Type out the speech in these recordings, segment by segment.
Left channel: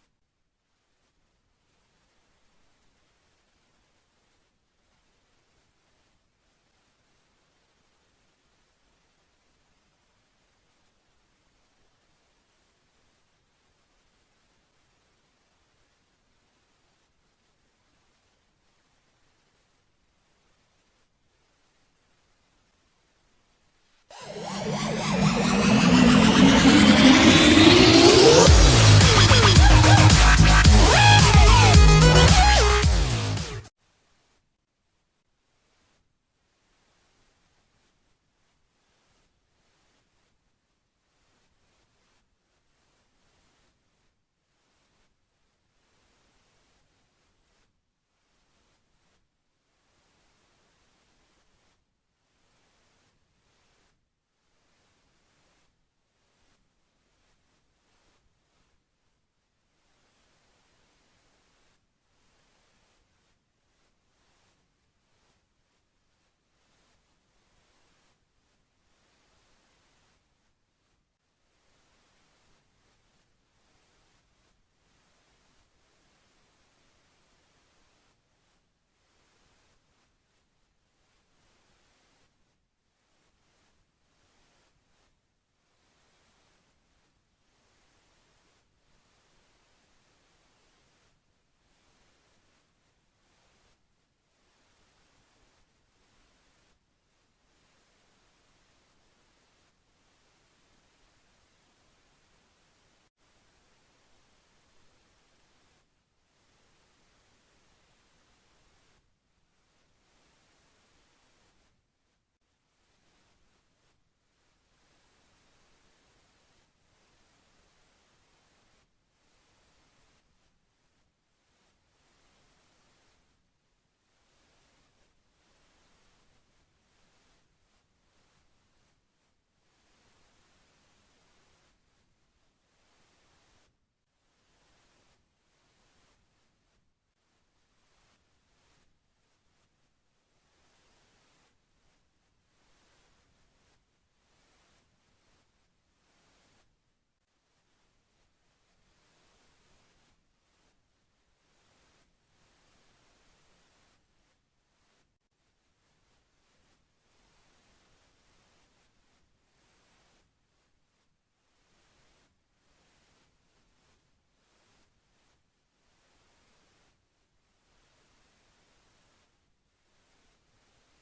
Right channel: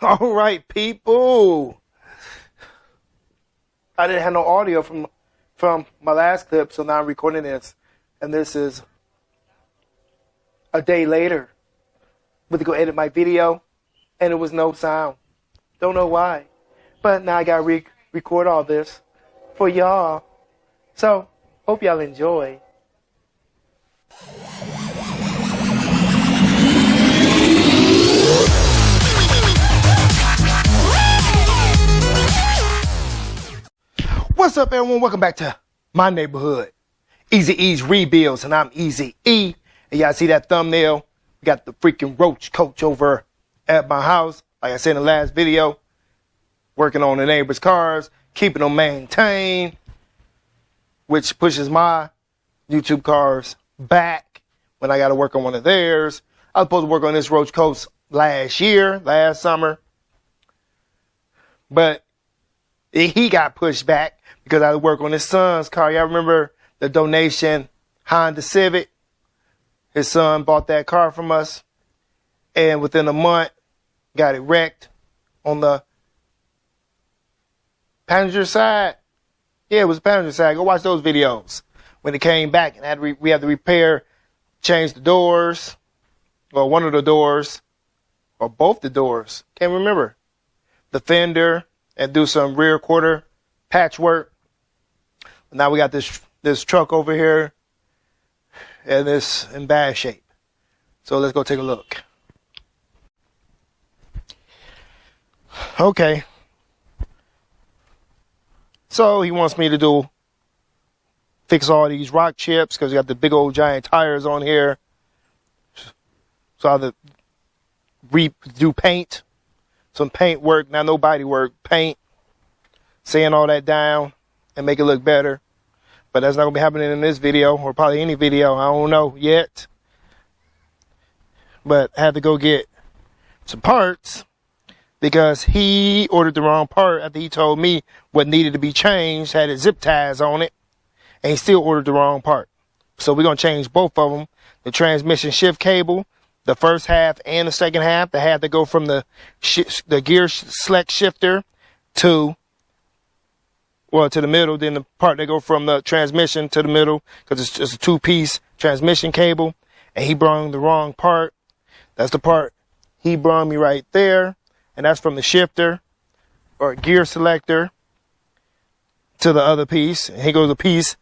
All right, people. I didn't have no audio from my last clip, so now I'm recording this. And this is a day later. Went to go edit my video, and there was no sound. Don't know why. But now I got to record all this for y'all. So, hope y'all enjoy. What's up, everyone? Welcome back to my neighborhood. Easy E's Rebuilds, and I'm Easy E. And y'all see that thumbnail? We got the freaking roach coach over at my house. Like I said in the last video, working on the neighbors' cars, keeping them maintained, which pushes my YouTube cars back when I got to work on one of theirs. I was supposed to work on this roach coach last summer, but he got pushed back because I had to work on his son's car. Y'all remember the donation Honda Civic? His son bought that car from us, and within a month, got it wrecked on the passenger side. Yeah, it was the passenger side. Go watch those videos. When it came back, and we had to repair, change the doors, or one of the doors, or both the doors. Can't remember. The fender, and do some rear quarter patchwork. Now we got this truck over here, and it's in bad shape. So let's go take a look. Okay. So he wants me to fix all these rock chips because we got the big old giant tires on here. So I have to do paint, some paint work, not no body work, paint, sand all that down and make it look better. But that's not going to be happening in this video, or probably any video. I don't know yet. But I had to go get some parts because he ordered the wrong part after he told me what needed to be changed, had its zip ties on it, and he still ordered the wrong part. So we're going to change both of them. The transmission shift cable, the first half and the second half, that had to go from the gear select shifter to the middle, then the part that go from the transmission to the middle, because it's a two-piece transmission cable, and he brought the wrong part. That's the part he brought me right there, and that's from the shifter or gear selector to the other piece. And here goes the piece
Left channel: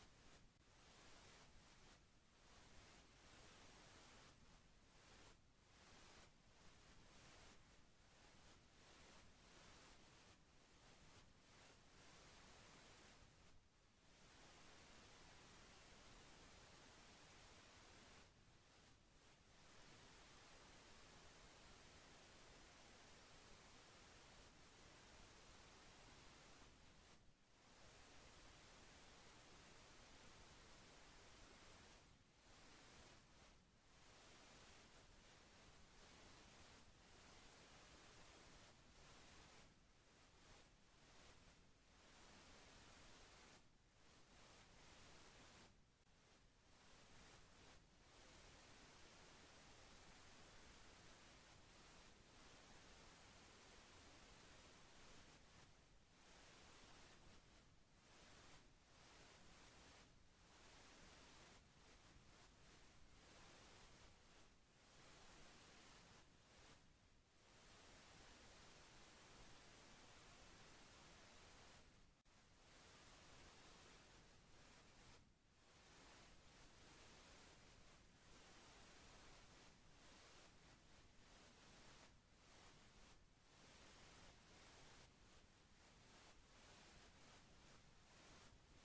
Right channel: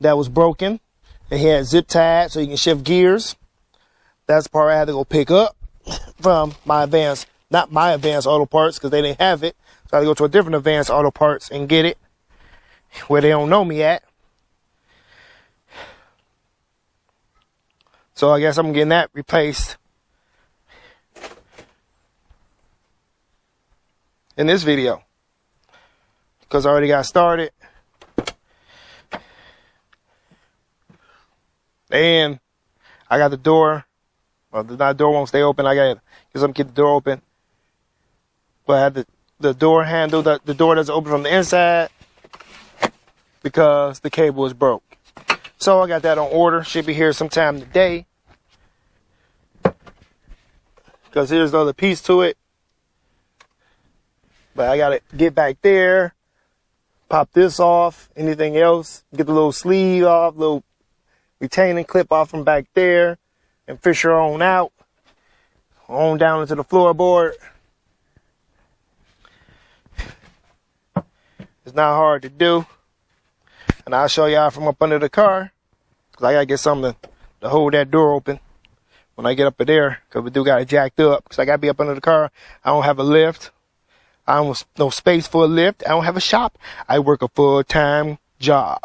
that was broken, and he had zip tied so you can shift gears. That's the part I had to go pick up from not my Advanced Auto Parts, because they didn't have it. So I had to go to a different Advanced Auto Parts and get it where they don't know me at. So I guess I'm getting that replaced in this video because I already got started. And I got the door. Well, the door won't stay open. I got to get something to keep the door open. But I had the door handle, the door doesn't open from the inside because the cable is broke. So I got that on order. Should be here sometime today. Because here's the other piece to it. But I got to get back there, pop this off, anything else, get the little sleeve off, little retaining clip off from back there, and fish her on out, on down into the floorboard. It's not hard to do. And I'll show y'all from up under the car, because I got to get something to hold that door open when I get up there, because we do got it jacked up, because I got to be up under the car. I don't have a lift. I don't have no space for a lift. I don't have a shop. I work a full-time job.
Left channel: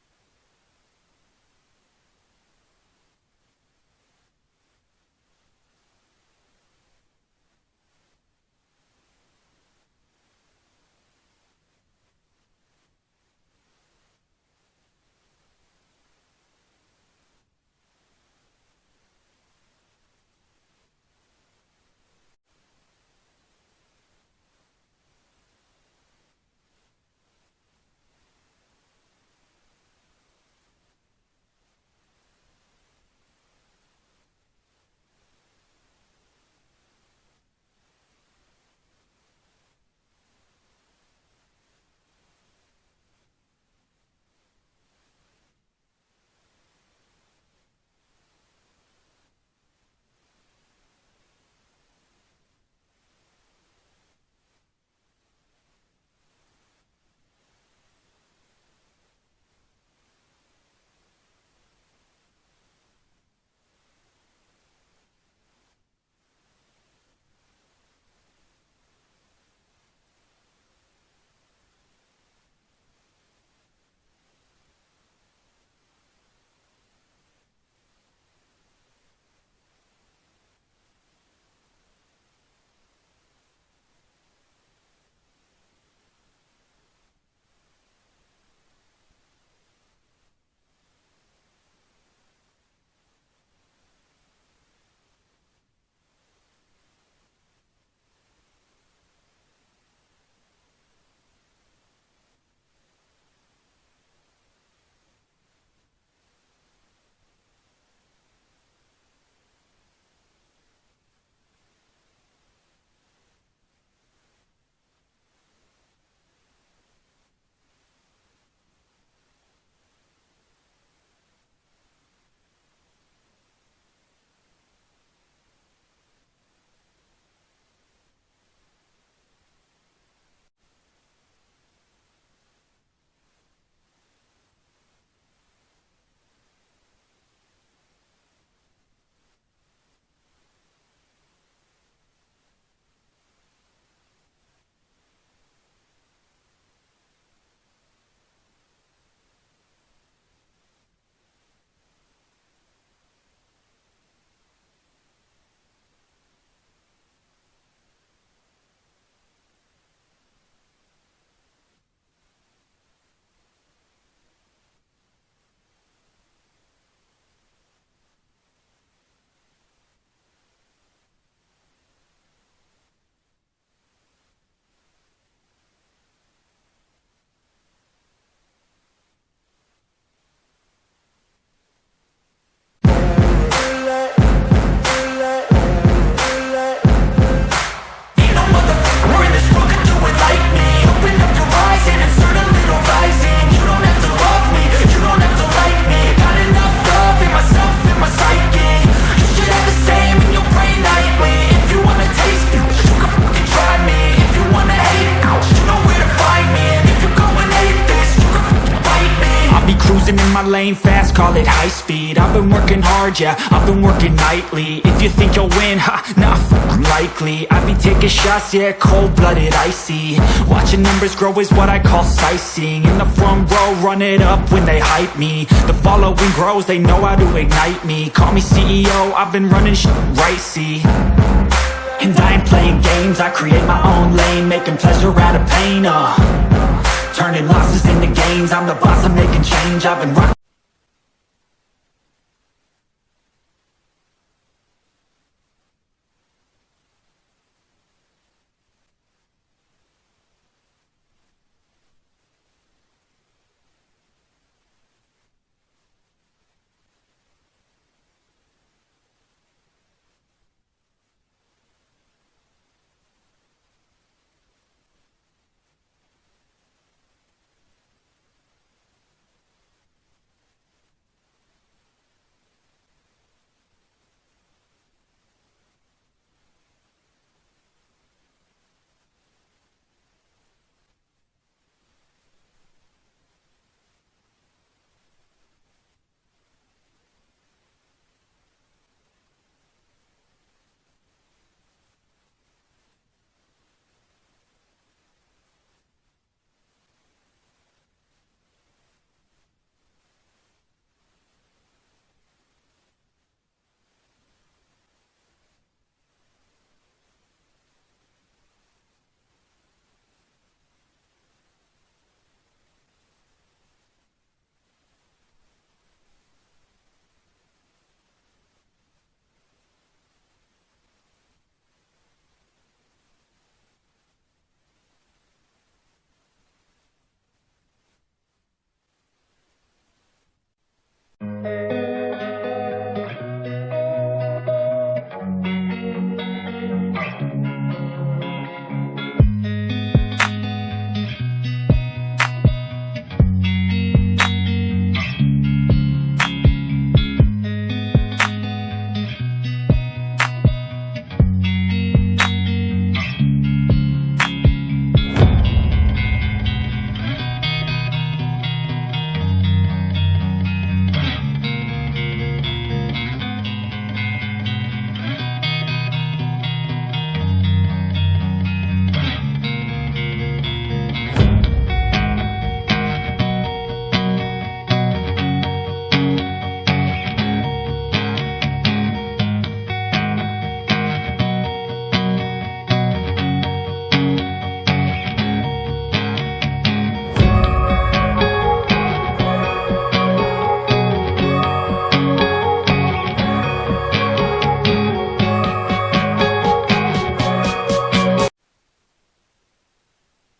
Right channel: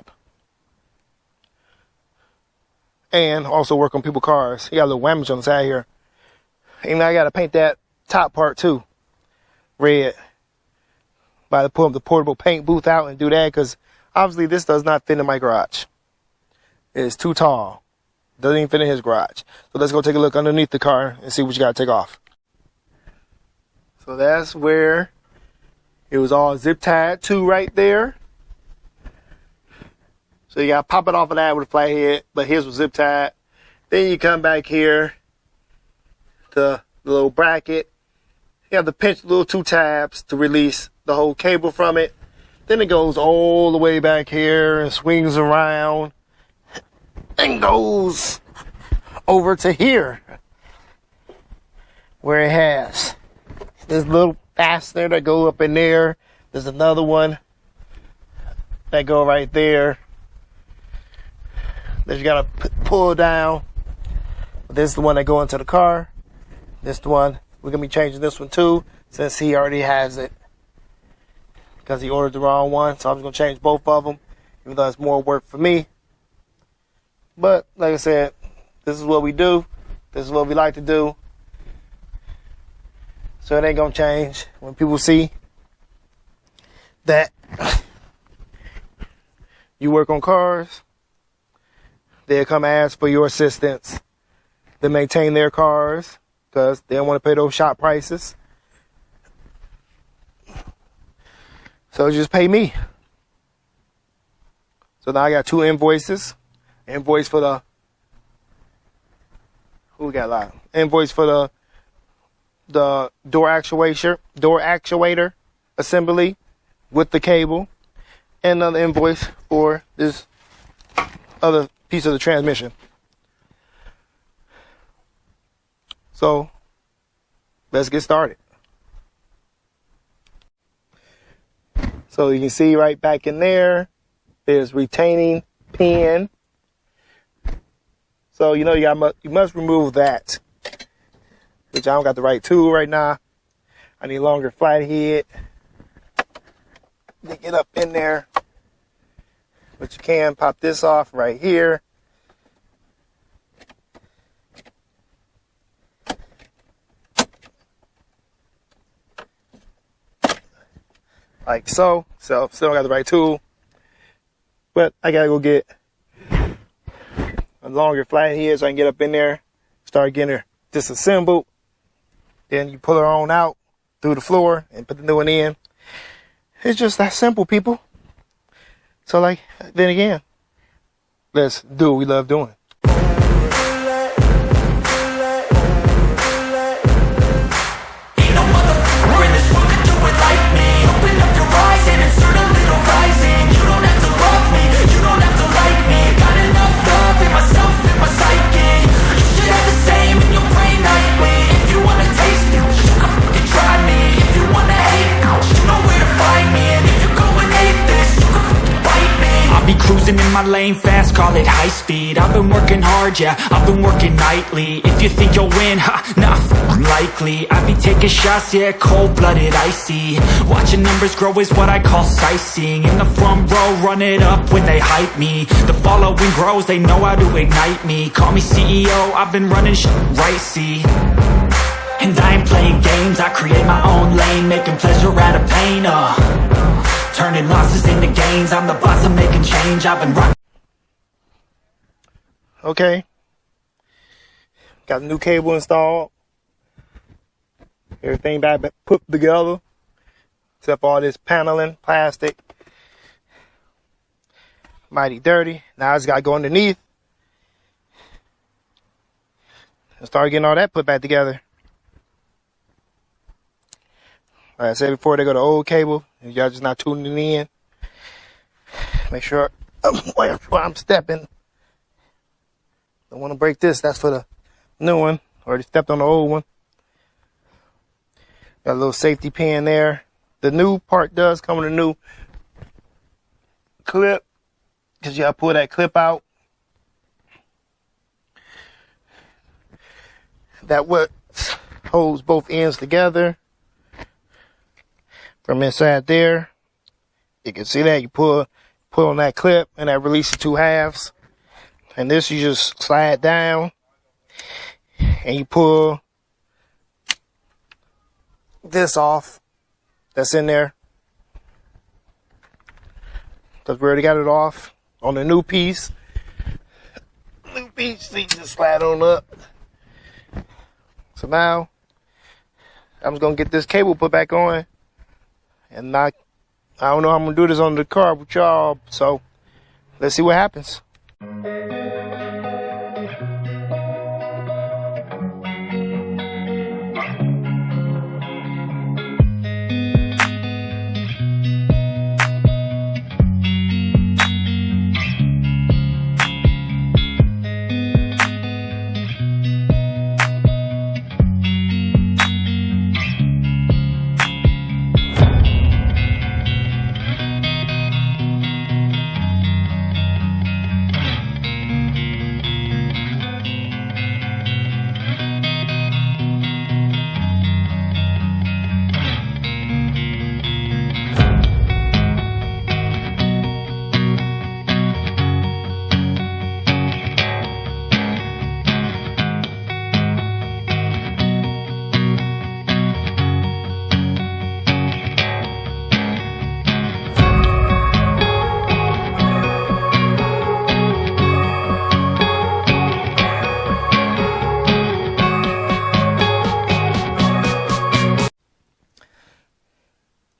And also work on people's cars. You got a little damage on the side here. And I got to paint that top part too red. But I pull up the portable paint booth out and do that because obviously this does not fit in my garage. It is too tall. Doesn't even fit in his garage. So let's go take a look underneath the car and see what you got to take off. So that's where it was all zip tied to right there. So you got to pop it off of that with a flat head, but his was zip tied. Then you come back here to the little bracket You have to pinch the little 2 tabs to release the whole cable from it. Then it goes all the way back here and swings around and goes over to here, where it has this little fastener that go up in there. There's another one that go right there that you gotta pull down. This is the one that go into the car. This the one, we're gonna be changing this one too, since he already has it, because he ordered the wrong one. So I'm just gonna change both of them, even though it's more work for me. But like I said, this is what we do. This is what we like to do. So it ain't gonna change. When people see that you work on cars, they'll come ask for your assistance to maintain their cars, because they don't want to pay those shop prices. So just pay me. So now I got 2 invoices. Invoice for the, who we got live? Invoice for the door actuator assembly with the cable, and another invoice for this other piece of the transmission. So let's get started. So you can see right back in there, there's retaining pin. So you know you must remove that, which I don't got the right tool right now. I need a longer flathead to get up in there. But you can pop this off right here. Like so. So still don't got the right tool. But I gotta go get a longer flathead so I can get up in there, start getting her disassembled. Then you pull her on out through the floor and put the new one in. It's just that simple, people. So like, then again, let's do what we love doing. Open up your eyes and insert a little rising. You don't have to love me, you don't have to like me. Got enough love in myself, in my psyche. You should have the same in your brain nightly. If you wanna taste me, you can fucking try me. If you wanna hate, you know where to find me. And if you're going hate this, you can fucking bite me. I'll be cruising in my lane fast, call it high speed. I've been working hard, yeah, I've been working nightly. If you think you'll win, ha, not likely. I be taking shots, yeah, cold-blooded, icy. Watching numbers grow is what I call sightseeing. In the front row, run it up when they hype me. The following grows, they know how to ignite me. Call me CEO, I've been running shit right, see. And I ain't playing games, I create my own lane. Making pleasure out of pain, turning losses into gains. I'm the boss, I'm making change. I've been rocking. Okay. Got a new cable installed. Everything back put together. Except for all this paneling, plastic. Mighty dirty. Now I just gotta go underneath and start getting all that put back together. Like I said before, they go to old cable. If y'all just not tuning in, make sure where I'm stepping. Don't want to break this. That's for the new one. Already stepped on the old one. Got a little safety pin there. The new part does come with a new clip, because you gotta pull that clip out. That what holds both ends together from inside there. You can see that you pull on that clip and that releases 2 halves. And this you just slide down and you pull this off that's in there. Because we already got it off on the new piece. New piece, so you just slide on up. So now I'm just gonna get this cable put back on, and I don't know how I'm gonna do this on the car with y'all, so let's see what happens.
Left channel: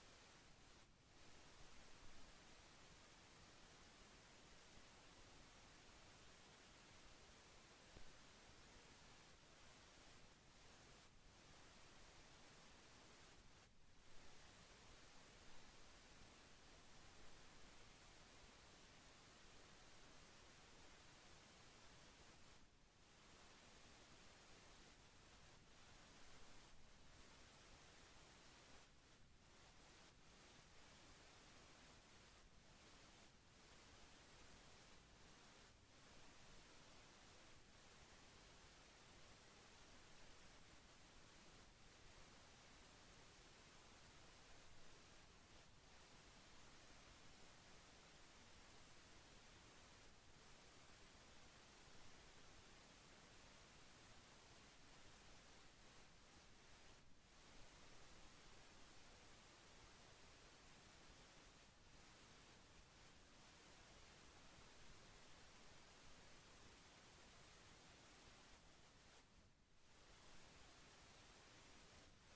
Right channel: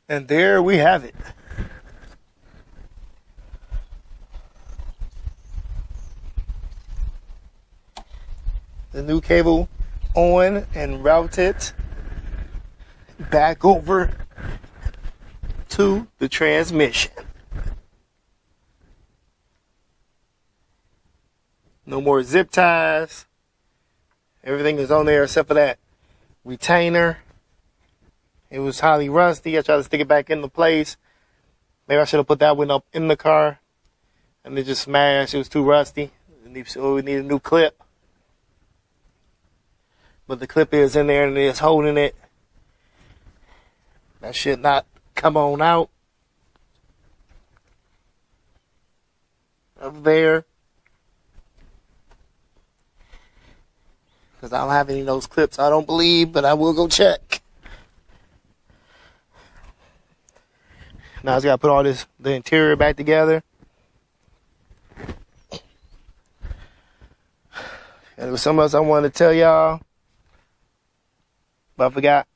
And there we have it. The new cable on and routed back over to the transmission. No more zip ties. Everything is on there except for that retainer. It was highly rusty. I tried to stick it back into place. Maybe I should have put that one up in the car. And it just smashed. It was too rusty. So we need a new clip. But the clip is in there and it's holding it. That should not come on out of there. Because I don't have any of those clips, I don't believe, but I will go check. Now I just got to put all the interior back together. And there was something else I wanted to tell y'all, but I forgot.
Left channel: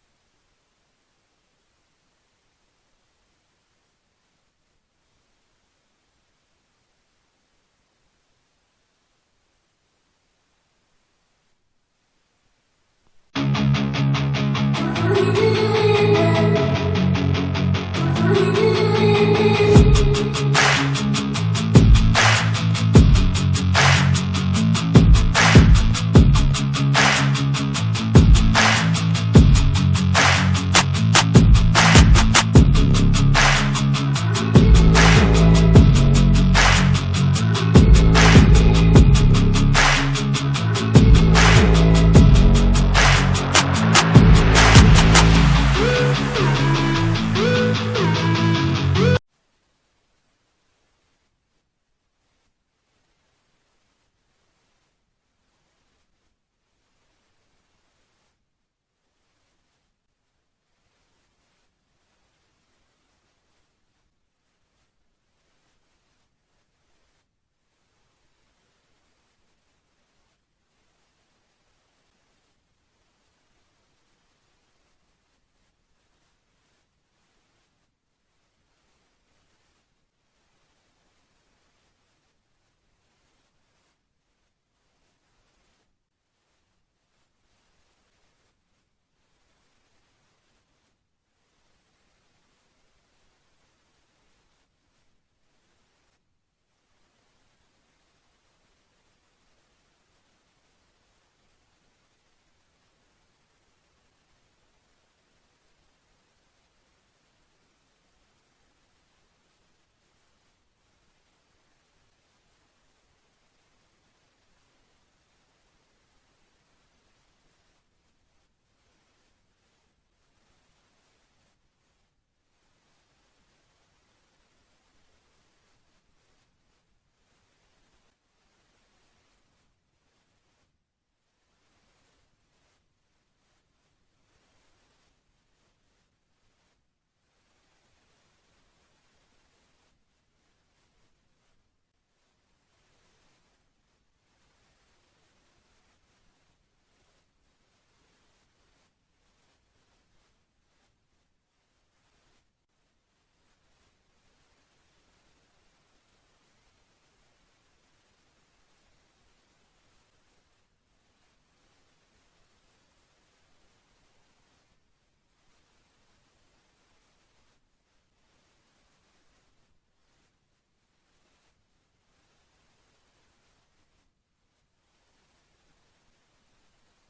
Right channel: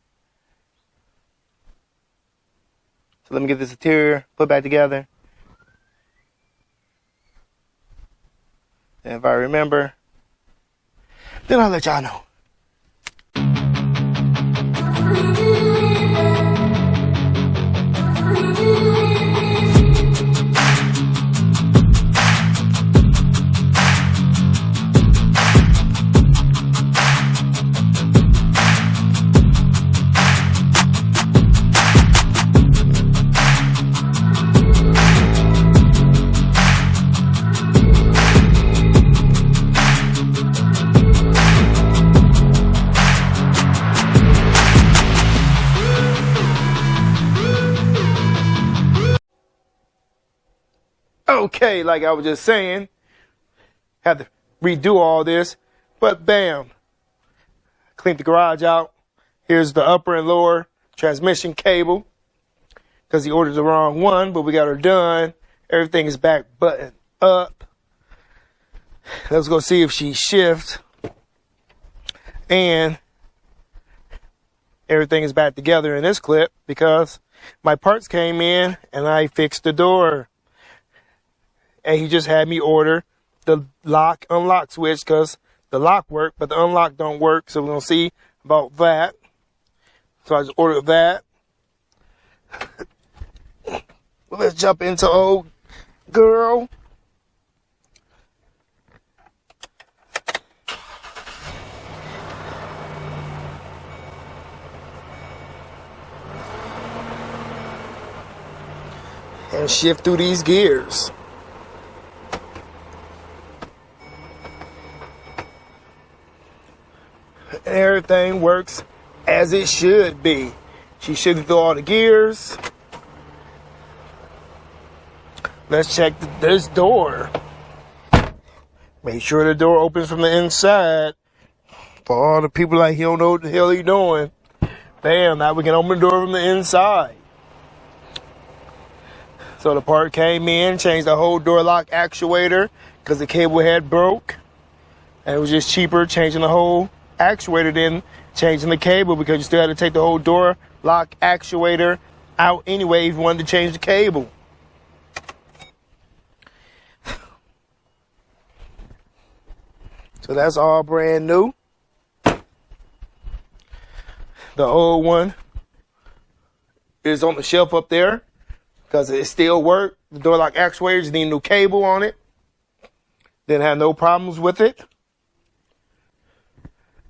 So let me get this interior put back together. And if I remember, then I'll let y'all know. Okay, like I was just saying, had to redo all this, but bam, cleaned the garage out. Here's the upper and lower transmission cable, because he ordered the wrong one, but we got her done. Everything is back buttoned up. Let's go see if she shifts. And everything is back together in this clip because my parts came in and I fixed the door. And he just had me order the lock, unlock switch because the lock worked, but the unlock don't work. So we're going to see about that. So I just ordered that. Well, let's jump into old girl. And shift through these gears. Everything works as it should be. She shifted through all the gears. Let's check this door. Make sure the door opens from the inside. For all the people like, he don't know what the hell he doing. Bam, now we can open the door from the inside. So the part came in, changed the whole door lock actuator because the cable head broke. And it was just cheaper changing the whole actuator than changing the cable because you still had to take the whole door lock actuator out anyway if you wanted to change the cable. So that's all brand new. The old one is on the shelf up there because it still worked. The door lock actuator just need a new cable on it. Didn't have no problems with it.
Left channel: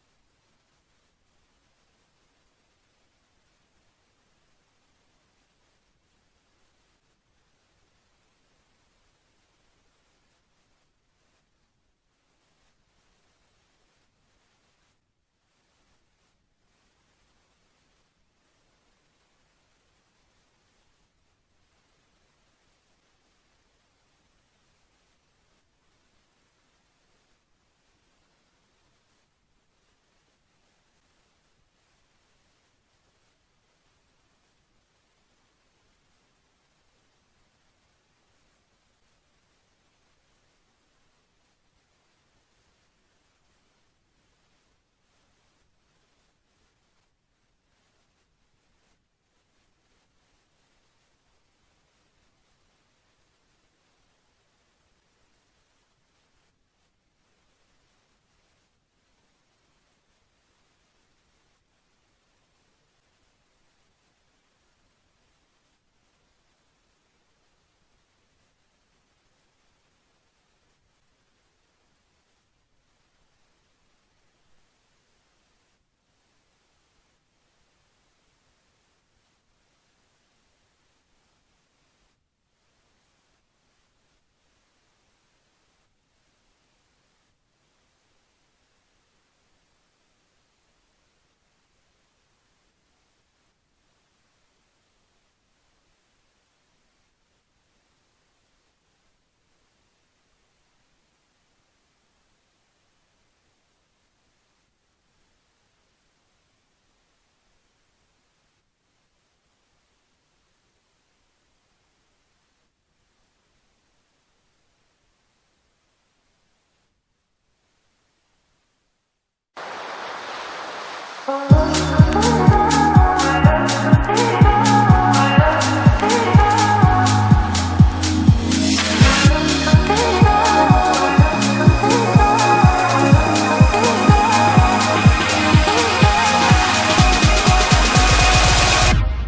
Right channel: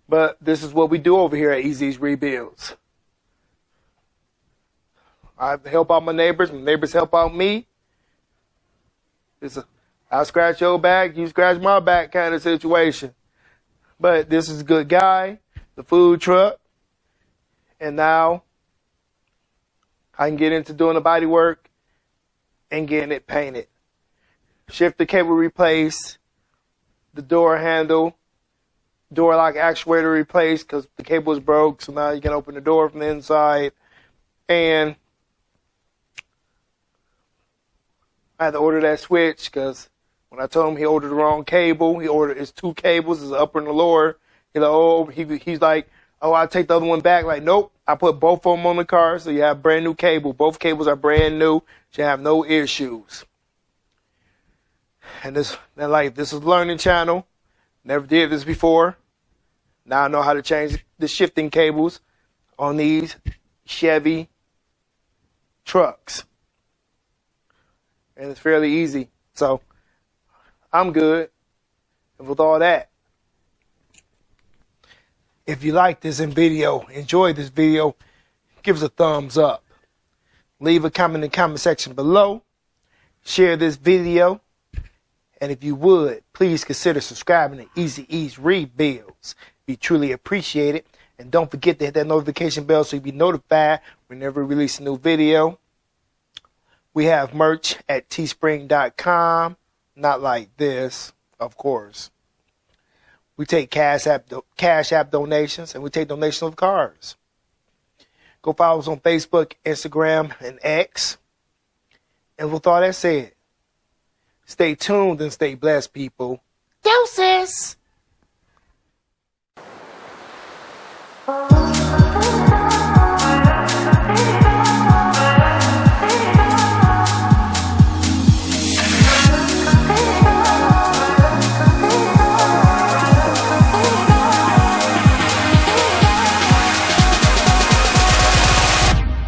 But this is what we do over here at Easy's Rebuilds. I help out my neighbors help out me. It's a I scratch your back, you scratch my back kind of situation. But this is a good guy, the food truck, and now I can get into doing the body work and getting it painted. Shift the cable replaced, the door handle, door lock actuator replaced because the cable was broke, so now you can open the door from the inside. And I had to order that switch because when I told him he ordered the wrong cable, he ordered his two cables, his upper and the lower. He's like, Oh, I'll take the other one back. Like, nope. I put both of them on the car, so you have brand new cable. Both cables are brand new. You have no issues. And this is a learning channel. Never did this before. Now I know how to change the shifting cables on these Chevy trucks. And it's fairly easy. So I'm good with all that. If you like this enjoy this video, give us a thumbs up. Leave a comment in the comment section below. Share this video. And if you would, please consider subscribing to Easy E's Rebuilds. We truly appreciate it. And don't forget to hit that notification bell so you'll be notified whenever we release a new video. We have merch at teespring.com. Not like this, of course. We take Cash App donations, and we take donations of cars. Go follow us on Facebook, Instagram, and X. And with all that said, stay tuned and stay blessed, people. Deuces!